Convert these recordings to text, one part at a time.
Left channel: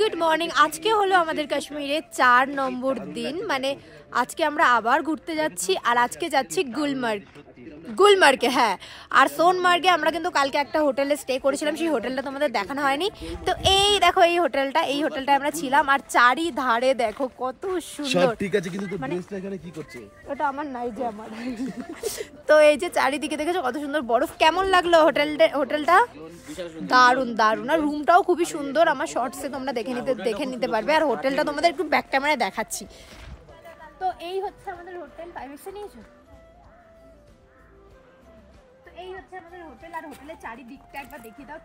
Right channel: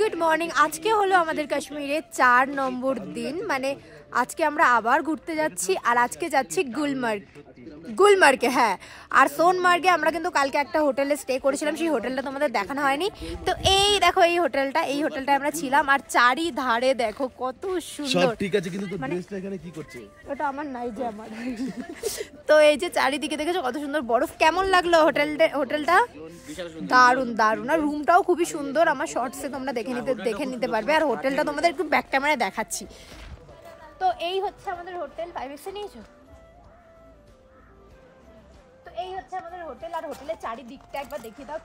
Good morning. আজকে হলো আমাদের কাশ্মীরে 4 নম্বর দিন, মানে আজকে আমরা আবার ঘুরতে যাচ্ছি। আর আজকে যাচ্ছি গুলমার্গে। হ্যাঁ, আর সোনমার্গে আমরা কিন্তু কালকে একটা হোটেলে স্টে করেছিলাম, সেই হোটেলটা তোমাদের দেখানো হয়নি। তো এই দেখো এই হোটেলটা আমরা ছিলাম। আর চারিধারে দেখো কত সুন্দর। ঠিক আছে, কিন্তু তোর ড্রেসটা এখানে কি করছে? ওটা আমার নাই যে আমার। তো এই যে চারিদিকে দেখেছো কত সুন্দর বরফ। কেমন লাগলো হোটেলটা? দারুণ দারুণ। আর রুমটাও খুবই সুন্দর, আমার শর্টসে তোমরা দেখে নিতে পারবে। আর হোটেলটা তোমাদের একটু ব্যাক ক্যামেরায় দেখাচ্ছি। তো এই হচ্ছে আমাদের হোটেল। 5x নিয়েছো? তো এই হচ্ছে আমাদের হোটেল। আর হোটেলের চারিদিকটা একবার দেখিয়ে দাও,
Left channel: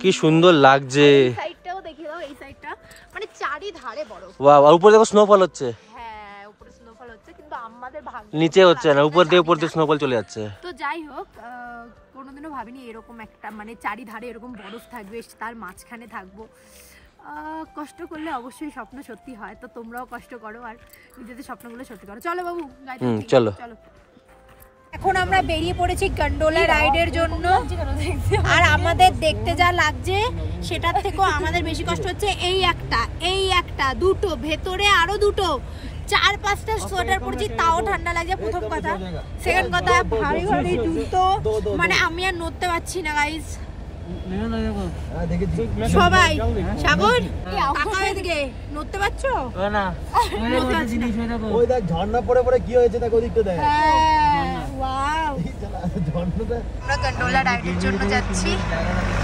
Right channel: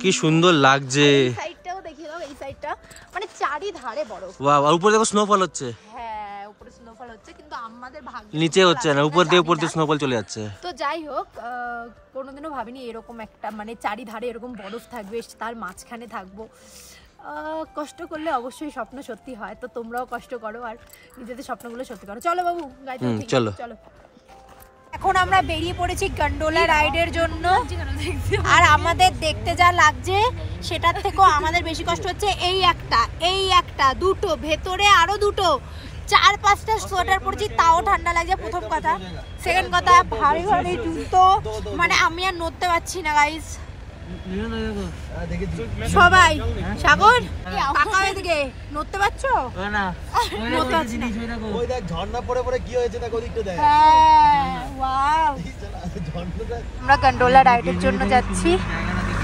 কি সুন্দর লাগছে। এই সাইডটাও দেখিয়ে দাও, এই সাইডটা মানে চারিধারে বরফ। ওয়াও, আর উপরে দেখো স্নোফল হচ্ছে। হ্যাঁ, উপরে স্নোফল হচ্ছে, কিন্তু আমাদের ভাগ্য নিচে হচ্ছে না, উপর দিয়ে স্নোফল চলে যাচ্ছে। তো যাই হোক, কোনোদিনও ভাবিনি এরকম একটা মানে চারিধারে এরকম বরফ থাকবে, তার মাঝখানে থাকবো। কষ্ট করলে অবশ্যই স্বপ্ন সত্যি হয়। তো তোমরাও কষ্ট করো আর নিজেদের স্বপ্নগুলো সত্যি করো। চলো বাবু, চলো চলো। এখন আমরা বেরিয়ে পড়েছি গন্ডোলা রাইডের জন্য। আর আমাদের দেখতে যা লাগছে সেটার থেকেও আমাদের বেশি কষ্ট হচ্ছে। এই একটা দুটো, ভেতরে আরো দুটো, 4-5টা সোয়েটার পরেছি, তাও ঠান্ডা লাগছে। প্রথম কথা। সেকেন্ড কথা, ভারী ভারী জুতো, মানে আমি আর নড়তে পারছি না গাইস। সবাই সাগর নড়তে পারছো না? ওই দেখ ঝর্ণা পড়ে পড়ে কি হয়েছে, দেখ ওদিকটা দেখ। আমরা গন্ডোলা রাইডের জন্য যাচ্ছি।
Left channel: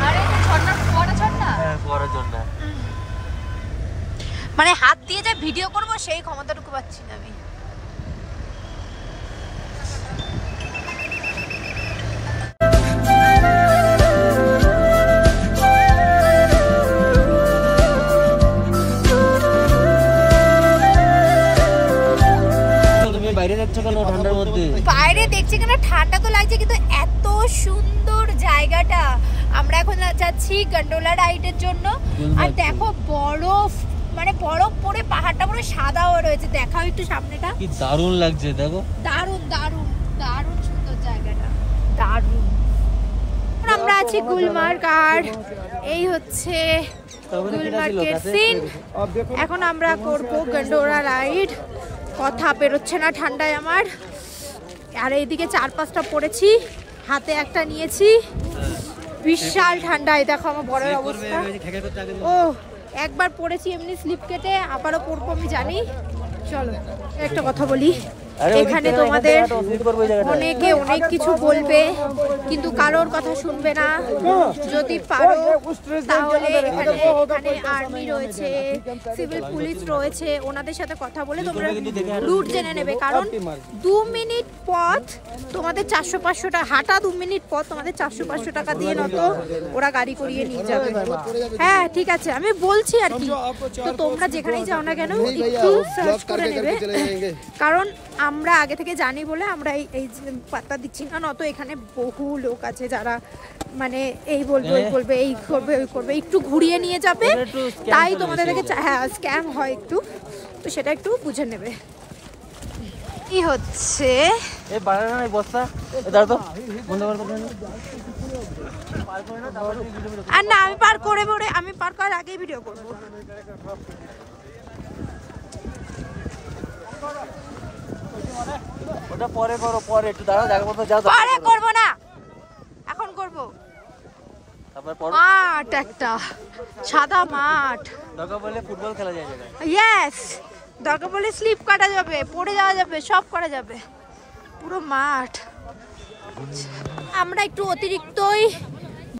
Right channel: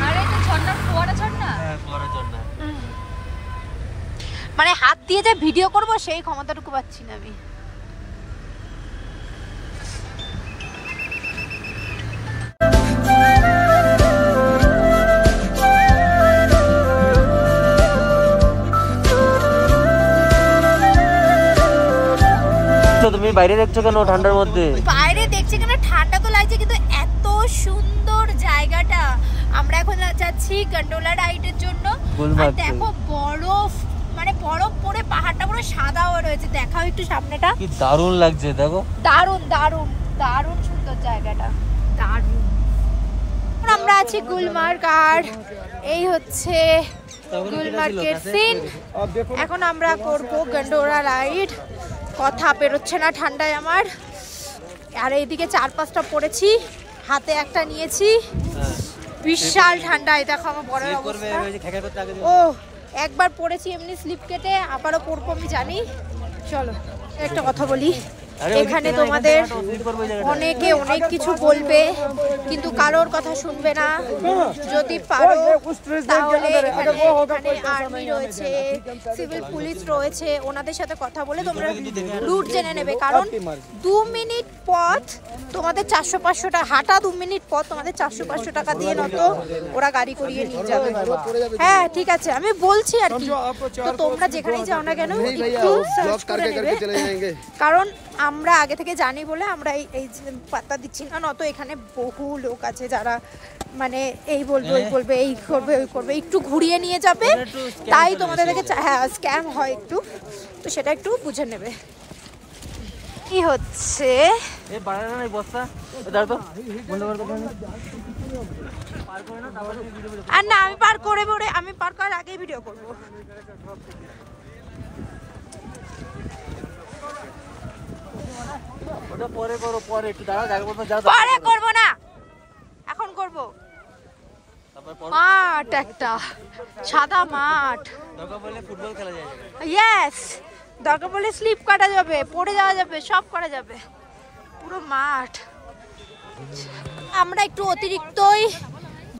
আরে ঝর্ণা, ফোয়ারা ঝর্ণা। হ্যাঁ, ফোয়ারা ঝর্ণা। মানে হাত দিয়ে যে ভিডিও করব সেই ক্ষমতাটুকু পাচ্ছি না আমি। বাইরে দেখছো কেন ঠান্ডার মধ্যে? বাইরে দেখছি কেন, ঠান্ডা তো লাগছে, কিন্তু এত সুন্দর জায়গাটা। আমরা এখন যাচ্ছি গন্ডোলা রাইডের জন্য। আর দেখো বরফ, মানে বরফ পরে পাহাড়টা পুরো সাদা হয়ে রয়েছে। দেখাও একটু সামনেটা, কি দারুণ লাগছে। দেখো দারুণ দারুণ দারুণ সুন্দর জায়গাটা, দারুণ। আমরা আছি গুলমার্গ, আর এই হচ্ছে গুলমার্গের সিন। এখন আমরা করব গন্ডোলা রাইড। কথা বেরোচ্ছে না ঠান্ডায় আমার। আর এইদিকে 4-5টা পড়েছি, হাতে একটা নিয়েছি। বিশাল ঠান্ডায় দেখো আমার বড় অবস্থা। ও একবার পড়েছি এমনি স্লিপ কেটে, আবারও পড়বো আমি জানি। চলো একটা কথা বলি, এখানে তোমাদের অনেকে অনেক কিছু বলবে, কিন্তু কারোর কথা শুনবে না। যদি পারো তাহলে এখানে আর্মি রয়েছে, সিভিল পুলিশ রয়েছে, ওনাদের সাথে কথা বলে তোমরা রুট জেনে নেবে। কারণ 2 মিনিট পথ তোমাদের 400-500 টাকা, হাঁটা 2 মিনিট পথ তোমাদের 400-500 টাকা দিয়ে নতো ওরা গাড়ি করিয়ে নিয়ে যাবে। হ্যাঁ ঠিক আছে, আমি বলছি আর কি। তো তোমরা যেখানেই যাও না কেন একটু সার্চ করে নেবে, কারণ আমরা আগে থেকে জানি বলে আমরা এই পাত্তা দিচ্ছি না। নয়তো এখানে বহু লোক আছে যারা মানে এই বলবে ওই বলবে, এই করবে ওই করবে, একটু ঘুরিয়ে নিয়ে যাবে। তাই তোমাদের থেকে হ্যাঁ স্ক্যাম হয় একটু, তো সেটা একটু বুঝে নেবে। কি হচ্ছে আর না, আমি পার করার আগেই ভিডিও করবো। পরে করবো না, এখন করবো। মাঠ, একটা সাদা মাঠ। ফুটবল খেলা যায়। ইয়েস, দরকার বলে স্লিপ কাটা যাবে, পড়ে যাওয়া যাবে, সব করা যাবে, পুরো মাঠ। আমরা একটু অতিরিক্তই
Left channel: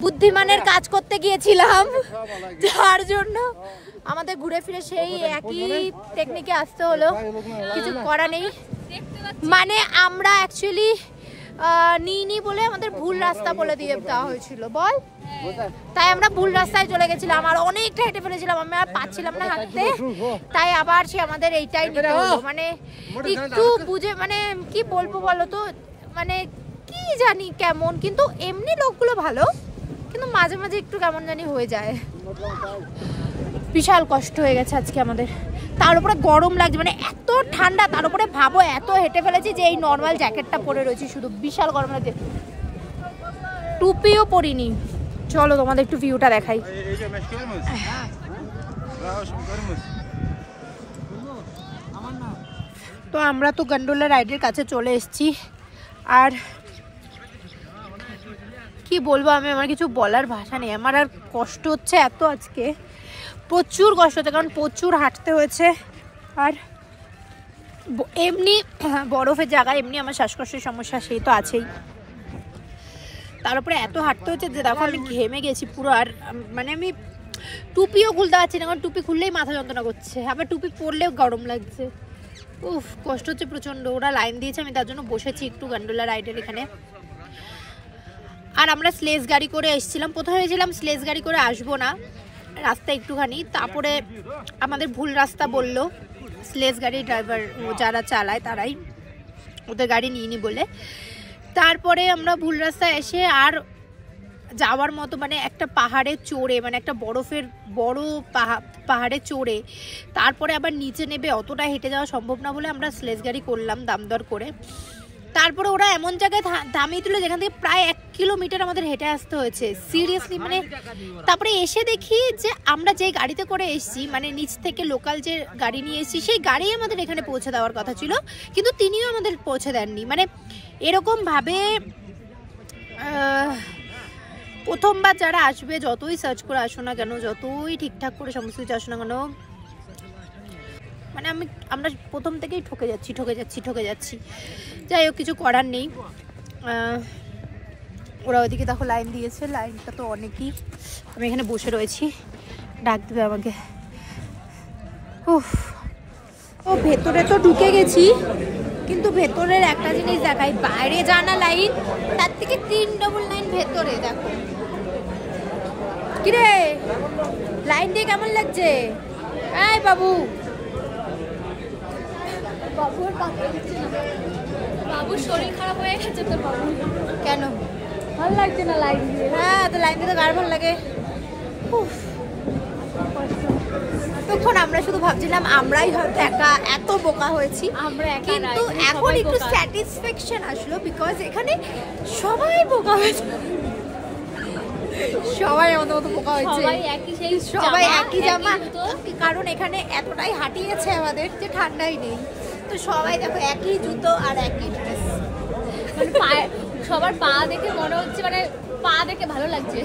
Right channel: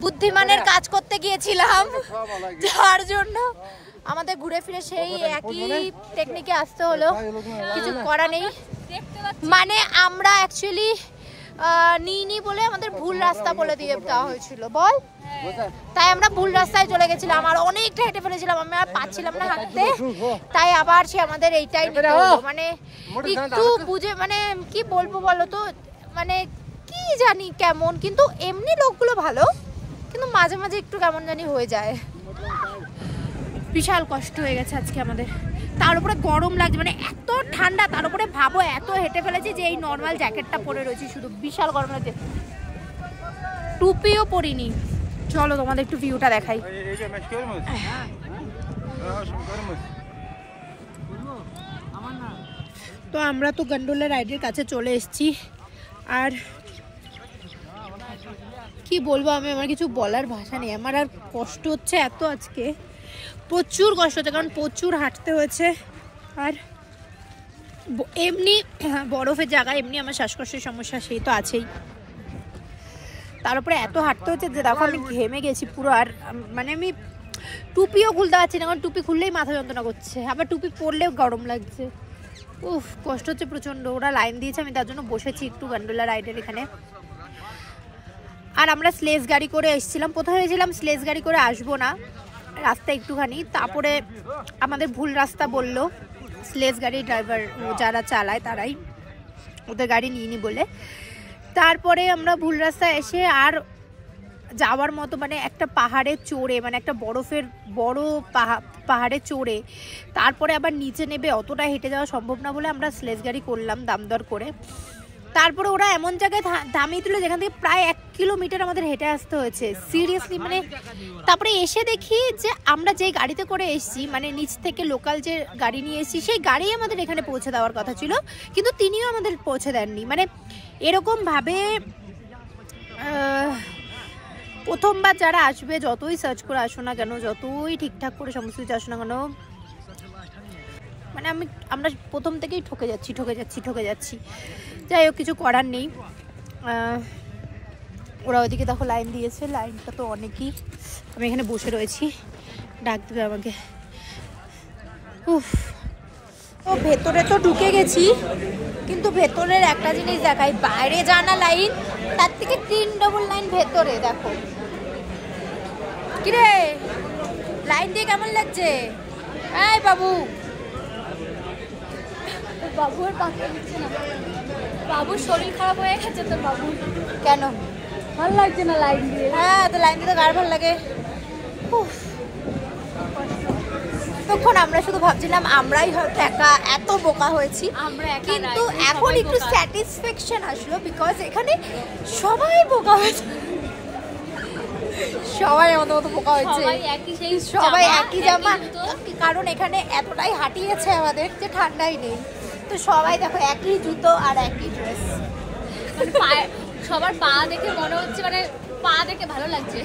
বুদ্ধিমানের কাজ করতে গিয়েছিলাম, যার জন্য আমাদের ঘুরে ফিরে সেই একই টেকনিকে আসতে হলো। কিছু করা নেই, মানে আমরা অ্যাকচুয়ালি নিইনি বলে আমাদের ভুল রাস্তা বলে দিয়ে দেওয়া হয়েছিল, বল। তাই আমরা ভুল রাস্তায় চলে গেছিলাম, আর অনেকটা হেঁটে ফেলেছিলাম, আমি আর পাচ্ছিলাম না হাঁটতে। তাই আবার সে আমাদের এইটাই নিতে হলো। মানে একটু বুঝে, মানে কি বলবো বলো তো, মানে কি জানি কেমন, কিন্তু এমনি লোকগুলো ভালো, কিন্তু মাঝে মাঝে একটু কেমন জানি হয়ে যায়। বিশাল কষ্ট হয়ে গেছে আজকে আমাদের। তার উপরে গরম লাগছে, মানে এত ঠান্ডা। তার উপরে ভাবো এত হেঁটে ফেলেছি যে এই নর্মাল জ্যাকেটটা পরে রয়েছি, শুধু বিশাল গরম লাগছে। টুপিও পরিনি। চলো তোমাদের একটু ভিউটা দেখাই। তো আমরা তো গন্ডোলা রাইডের কাছে চলে এসেছি, আর কি বলবো আমি, আমার কিছু বলার ভাষা নেই। আমার আর কষ্ট হচ্ছে এত, আজকে প্রচুর কষ্ট হচ্ছে, কারণ প্রচুর হাঁটতে হয়েছে। আর এমনি বরফের জায়গায় এমনি আমার শ্বাসকষ্টের সমস্যা সেই তো আছেই, তার উপরে এত হাঁটতে হচ্ছে যে দেখো আমি ঘেমে গেছি পুরো। আর মানে আমি টুপিও খুলতে পারছি না, কারণ টুপি খুললেই মাথা যন্ত্রণা করছে, আবার টুপি পরলেও গরম লাগছে। উফ, কষ্ট হচ্ছে প্রচন্ড। ওরা লাইন দিয়েছে, আমি তার জন্য বসেছি একটু গন্ডোলা রাইডের এখানে। আর আমরা স্লেজ গাড়ি করে এসেছিলাম, প্রথমে ভেবেছিলাম স্লেজ গাড়ি করে আসবো না, রাস্তা একটুখানি, তারপরে আমাদের ভুল রাস্তা বললো স্লেজ গাড়ি ড্রাইভার যারা চালায় তারাই, ওদের গাড়ি নিয়ে নি বলে। তারপরে আমরা ভুল রাস্তায় এসে আর যাওয়ার মতো মানে একটা পাহাড়ে চড়ে, মানে একটা বরফের বড় পাহাড়ে চড়ে তারপরে আবার নিচে নেবে, অতটা হেঁটে যাওয়া সম্ভব না বলে আমরা স্লেজ গাড়ি করলাম দাম দর করে। তারপরে ওরা এমন জায়গায় দামিয়ে দিল যেখান থেকে প্রায় 1 কিলোমিটার আমাদের হেঁটে আসতে হয়েছে, সিরিয়াসলি মানে। তারপরে এসে দেখি যে আমরা যে গাড়িতে করে এসেছি, মানে নিচ থেকে লোকাল যে গাড়ি নিয়ে এসেছি সেই গাড়ি আমাদের এখানে পৌঁছে দেওয়ার কথা ছিল, কিন্তু তিনিও আমাদের পৌঁছে দেননি। মানে এরকম ভাবে প্রথমবার যারা আসবে, যতই সার্চ করে আসো না কেন, যতই ঠিকঠাক করে সমস্ত কিছু আসো না কেন, মানে আমরা প্রথম থেকেই ঠকে যাচ্ছি। যাই হোক, কিছু করার নেই। ওরা ওইদিকে দেখো লাইন দিয়েছে, লাইনটা তো অনেকই। আমি এখানে বসে রয়েছি, ডাক দেবে আমাকে। উফ, তো ভেতরে তো ঢুকে গেছি, কিন্তু ভেতরের একটা জিনিস দেখাই, বাইরে জানা লাইন, তার থেকে 3 ডবল লাইন ভেতরে। দেখো কিরে, লাইন দিয়ে কেমন লাগছে? এই বাবু, বাবুর শরীর খারাপ হয়ে গেছে তো। বাবু কেন ভালো লাগছে না লাইন দিয়ে? হ্যাঁ, তো লাইন দিয়ে তো কার ভালো লাগে। তখন আমরা শুধু ভাবছিলাম আমরাই হয়তো একা এত বোকা হয়েছি, কিন্তু এখন একটু স্যাটিসফ্যাকশন আসলো, বিকজ এখানে সবাই বোকা হয়েছে, সবাই আমাদের মতো বোকা হয়েছে, সবাই একই জামা, কারণ এখানে এতটাই হাঁটিয়েছে আমাদের যে ঠান্ডাই নেই। তো সবাই দেখো একই জুতো আর একই ড্রেস, সবার পা দেখে মনে হচ্ছে, মানে পা দেখে ভালো লাগছে।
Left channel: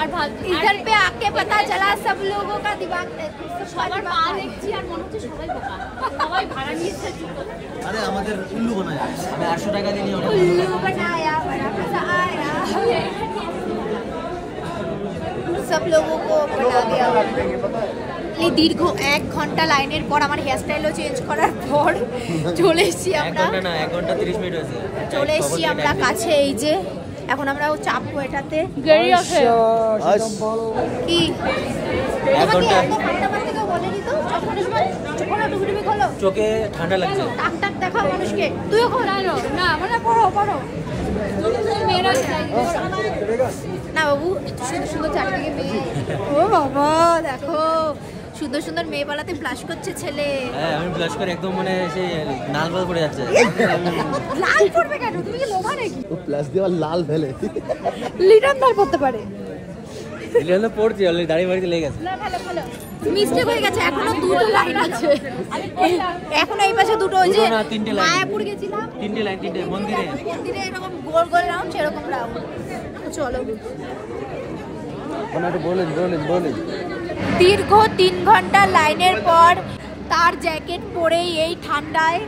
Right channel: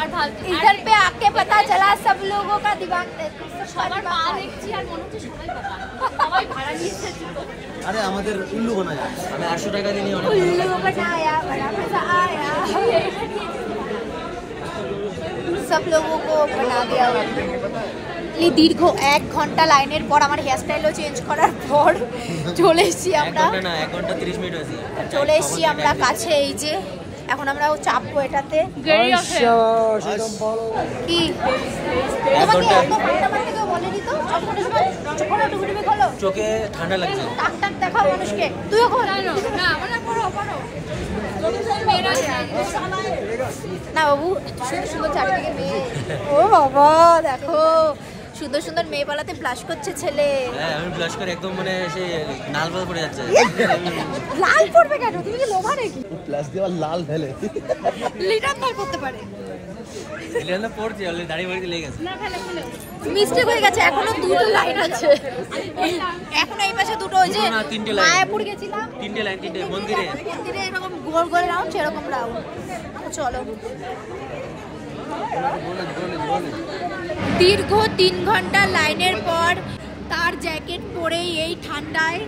আর ভালো इधर पे आके पता चला सब लोगों का दिमाग, সবার পা দেখছি আর মনে হচ্ছে সবাই বোকা, সবাই ভাড়া নিয়েছে জুতো। আরে আমাদের উল্লু বানায়, আমি 800 টাকা দিয়ে उल्लू बनाया, बड़ा मजा आया, सब लोगों को बना दिया। এই দীর্ঘ 1 ঘন্টা লাইনের পর আমার হেয়ার স্টাইলও চেঞ্জ করার পর চলে এসেছি আমরা, 1 ঘন্টা 30 মিনিট হয়েছে, চলে এসেছি আমরা কাছে। এই যে এখন আমরা চাপবো এটাতে। কি তোমাকে এত ঠান্ডা মারতে কেউ বলেনি তো? চোখে ঠান্ডা লাগছে, টাক টাক দেখাও মানুষকে, তুইও খোল না বাবু, এত সুন্দর সুন্দর চারদিকে মেয়ে। ও বাবা, দেখো সুন্দর সুন্দর মেয়ে পালাতে ব্লাশ করছে ছেলে। হ্যাঁ, আমি ব্লাশ করে একদম মানে সেই লাল লাল পড়ে যাচ্ছে। লাল পড়বে কেন? তুমি কি লোভা নাকি? ও প্লাস দেওয়া লাল ফেলে লিটন লাল পড়তে পারে। লিটন পড়ছে অলরেডি, দাড়ি মারিতে লেগে গেছে। না ফেলো ফেলো, মিস্টেক হয়ে গেছে, এখনো 2টো লাইন আছে, এখন এই পাশে 2টো। ওই যে মায়াপুর গেছিলাম 3টে লাইন, 3টে মন্দিরে এরকম গোল গোল রাউন্ড, সেরকম রাউন্ড। চলো, দীর্ঘ 3 ঘন্টা লাইনের পর তার জ্যাকেট পরেই এই ঠান্ডায়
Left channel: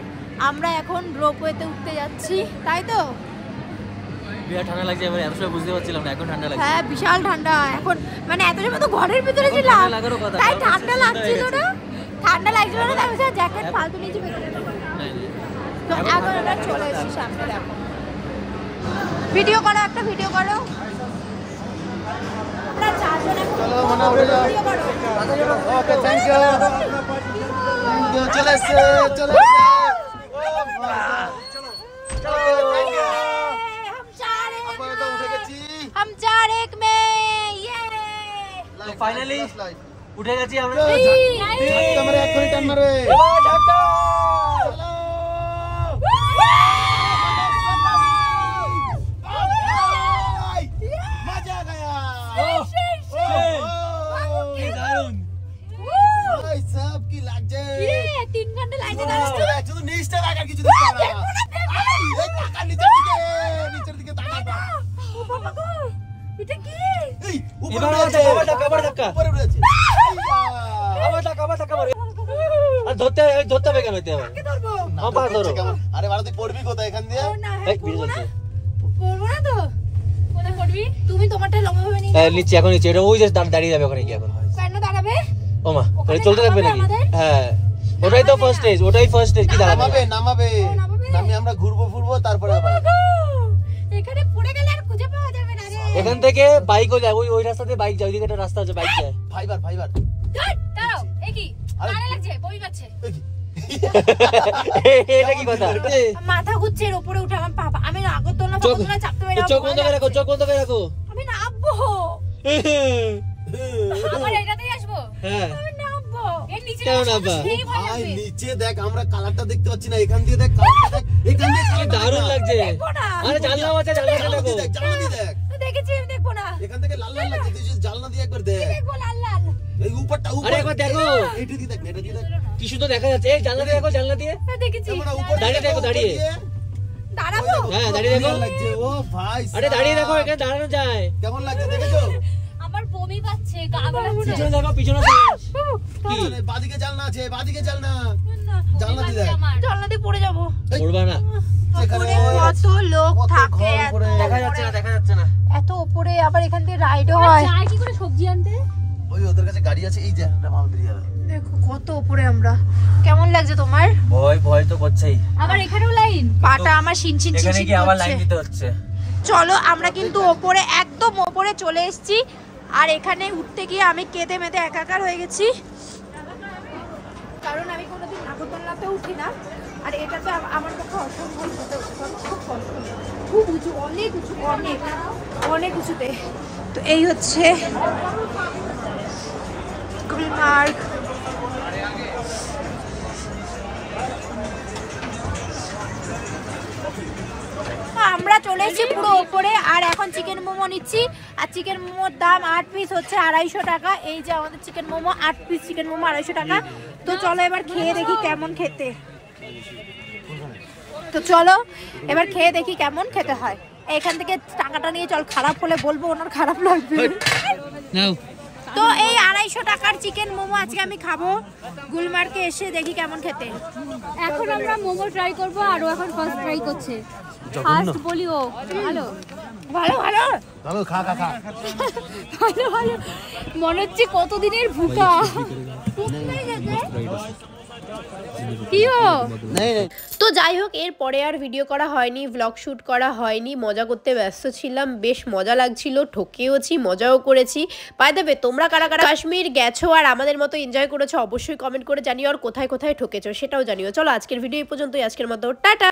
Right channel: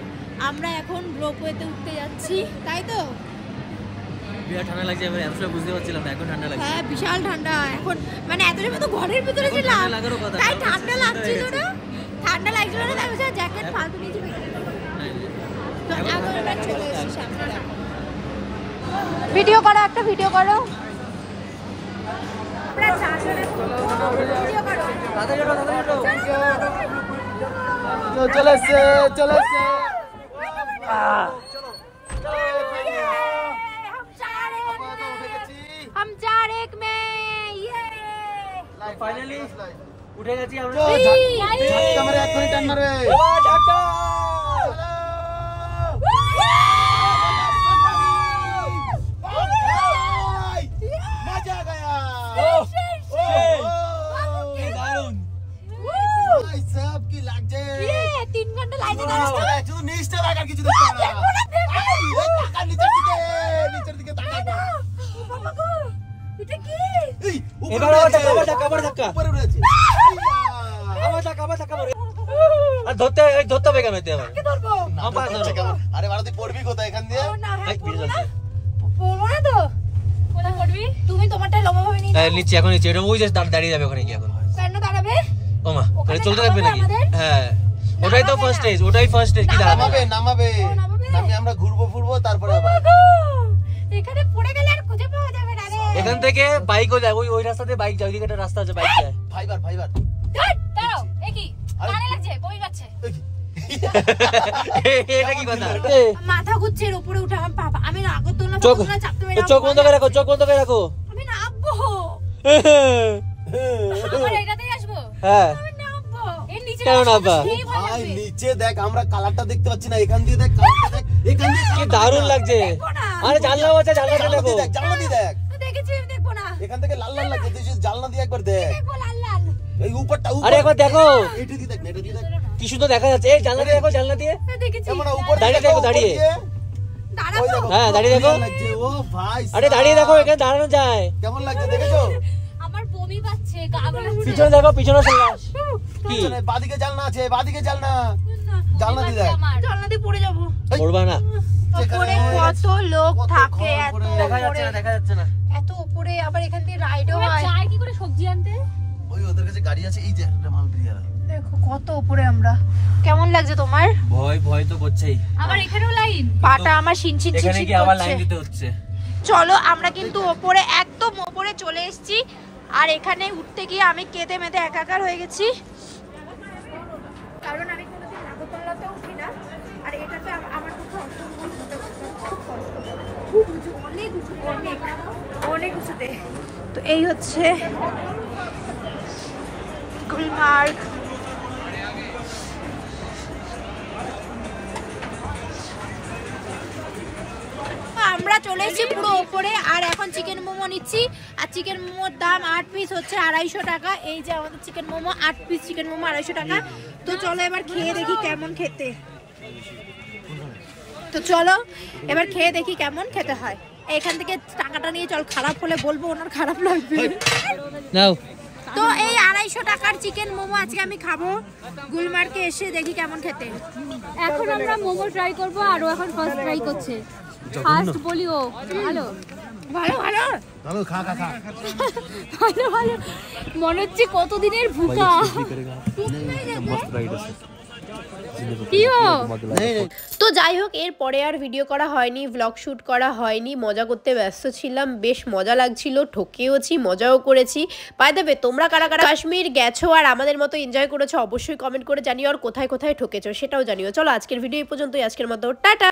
আমরা এখন রোপওয়েতে উঠতে যাচ্ছি, তাই তো? বিরাট ঠান্ডা লাগছে, এবার এত সময় বুঝতে পারছিলাম না, এখন ঠান্ডা লাগছে। হ্যাঁ, বিশাল ঠান্ডা এখন, মানে এত সময় তো ঘরের ভিতরে ছিলাম, তাই ঠান্ডা লাগছিল না, তাই জ্যাকেট ফালতু নিয়েছি ভেতরে। তো এখন আমরা চলে এসেছি সামনে, দেখো ভিডিও করো, একটা ভিডিও করো, আমরা 4 জন এখন ভিডিও করো। চলে এসছে, চলে এসছে, हम 4-1 में, ये ফাইনালি উঠে গেছি আমরা। ঝটকা মারে, এখনই টান মারে, ঝটকা। এখানে লাইনে দাঁড়াস তো শুধু নিচটা রাখ আর কিছু দিতে না এই টাকা নিচের দিকে তাকা ও বাবা গো এটা কি এই এবার ধাক্কা উপরে উঠেছে আবার ধাক্কা মারে আর ধরতে হবে কেন এতে আবার কে ধরবো আমার ধরো আরে বাবা তুই পড়বি কোথায় এখান দিয়ে ও না এই ভিডিও চলছে বলবো না তো কোথায় করবি? তুমি তোমারটা লম্বা ভাবে নিয়ে নিচে এখন নিচে এটা ওই যে দাঁড়িয়ে যাবে ওখানে কি এখন কেন দাঁড়াবে ও মা ওখানে চলতে থাকবে নামাবে নাকি আমাদের? হ্যাঁ ওটাই তো ফার্স্ট স্টেজ কি দাঁড়াবে নামাবে নামিয়ে আমরা ঘুরবো ফুরবো তারপরে আবার গো, এখানে পড়ে গেলে আর খুঁজে পাওয়া যাবে না রে এখান থেকে বাইকও যায় ওই রাস্তা দিয়ে বাইক যায় ওইদিকে একটা রাস্তা আছে বাইক যায় ফাইবার দাঁড়াও, এ কি? কানে লাগছে, বমি পাচ্ছে। এটা কি কথা মাথা ঘুরছে এর উপরে উঠে আমার পাপা আমি নাগরদোলনা চোখ ফাগরদোলনা চাপতে পারি না চোখ বন্ধ করে রাখো আমি নামবো আমার এটাতেই আসবো। হ্যাঁ আমি নামবো এর নিচে কেন নামবা? সেই ভয় ভাই লাগবে। নিচে দেখ আমরা কালারটা দেখতে পাচ্ছি না এখান দিয়ে দেখ কালারটা দেখ এখান দিয়ে কি দারুণ লাগছে দেখবো না আরে জানলা আছে জানলাটা দেখো জানলা দিয়ে দেখ আমি দেখেছি আমি দেখবো না এখান থেকে লাল লাল লাগছে তুই জানলা দিয়ে একবার দেখ দেখবো লাল লাল এই উপরটা আরে একবার দেখো এটা দিয়ে দেখ এটা দিয়ে দেখ কি সুন্দর দেখা যাচ্ছে এই জানলা দিয়ে দেখো জানলা দিয়ে আমি দেখেছি আমরা উপর দাঁড়িয়ে দেখো, দাঁড়িয়ে। দাঁড়াবো হ্যাঁ, দাঁড়িয়ে দেখো। লাগছে ও ভাই আরে দাঁড়িয়ে দেখো এখানে দাঁড়ানো যায় কেমন লাগছে দেখেছো আমার বমি পাচ্ছে, গা গোলাচ্ছে। পিছনে দেখো পিছনে চলে আস। কি বাদিকে জানলা আছে বাদিকে জানলা না জানলা দিয়ে দেখ আমার জানলা দিয়ে পড়ে যাবো পড়বা না উপরে কত লোক কত থাকে এত উপরে। দেখা যাচ্ছে না এত উপরে আবার এখান দিয়ে রাইডও ওরা হয় যায় কি করে সবজি আনতে? ওই ওদের কাছে গাড়ি আছে এই যে একটা মাল বেরিয়ে যাবে দেখো কত উপরে আমরা কেমন লাগছে তোমার ভয় তো করছেই আবার এখানেও লাইন। পাটা আমার শিনশিন এখানে শিনশিন কি আবার করছে লাইন দিতে হচ্ছে চলো আমরা কিন্তু ওপরে একদম ওপরে চলে এসেছি আর এখানে উঠতে গিয়ে আমি কেঁদে মেতে একাকার হয়ে গেছি কারণ আমি কোনোদিন নাগরদোলনাতে উঠি না আর এটাতে আমার পক্ষে অসম্ভব হতে খুব কষ্ট খুব উঁচু অনেক উঁচু অনেক উঁচুতে তো এই হচ্ছে গুলমার্গ আমরা চলে এসেছি পুরো উপরে আর এখন চিকেন মোমো নিচ্ছি আর চিকেন মোমোর দাম 8 পিস হচ্ছে 250 টাকা এই যে আমাদের chicken momo 8 piece chicken momo 250 টাকা তো চলো এবার খেয়ে দেখি কেমন খেতে হয় এখান থেকে টাকাটা নিয়ে চল খারাপ হলে বলবো ওনার খারাপ লাগবে নাও তো এই 250 টাকার চিকেন মোমো আজকে আমি খাবো গুলমার্গে এসে দেখি কেমন খেতে এখন আমরা মোমো ট্রাই করব আর ও এখন ফার্স্ট ট্রাই করছে। ফার্স্ট বলি ও ভালো ভালো ভালো চলো খা ভালো ভালো মনে হচ্ছে কতদিনের ভুকা। তো যাই হোক এরপরে আর ভিডিও করা হয়নি ব্লগ শুট করা হয়নি মজা করতে ব্যস্ত ছিলাম বেশ মজা লাগছিল ঠকেওছি মজাও করেছি বাই দ্য ওয়ে তোমরা কারা কারা কাশ্মীর গেছো আর আমাদের মতো এনজয় করেছো অবশ্যই কমেন্ট করে জানিও আর কোথায় কোথায় ঠকেছো সেটাও জানিও চলো আজকের ভিডিও এই পর্যন্তই আজকের মতো টাটা।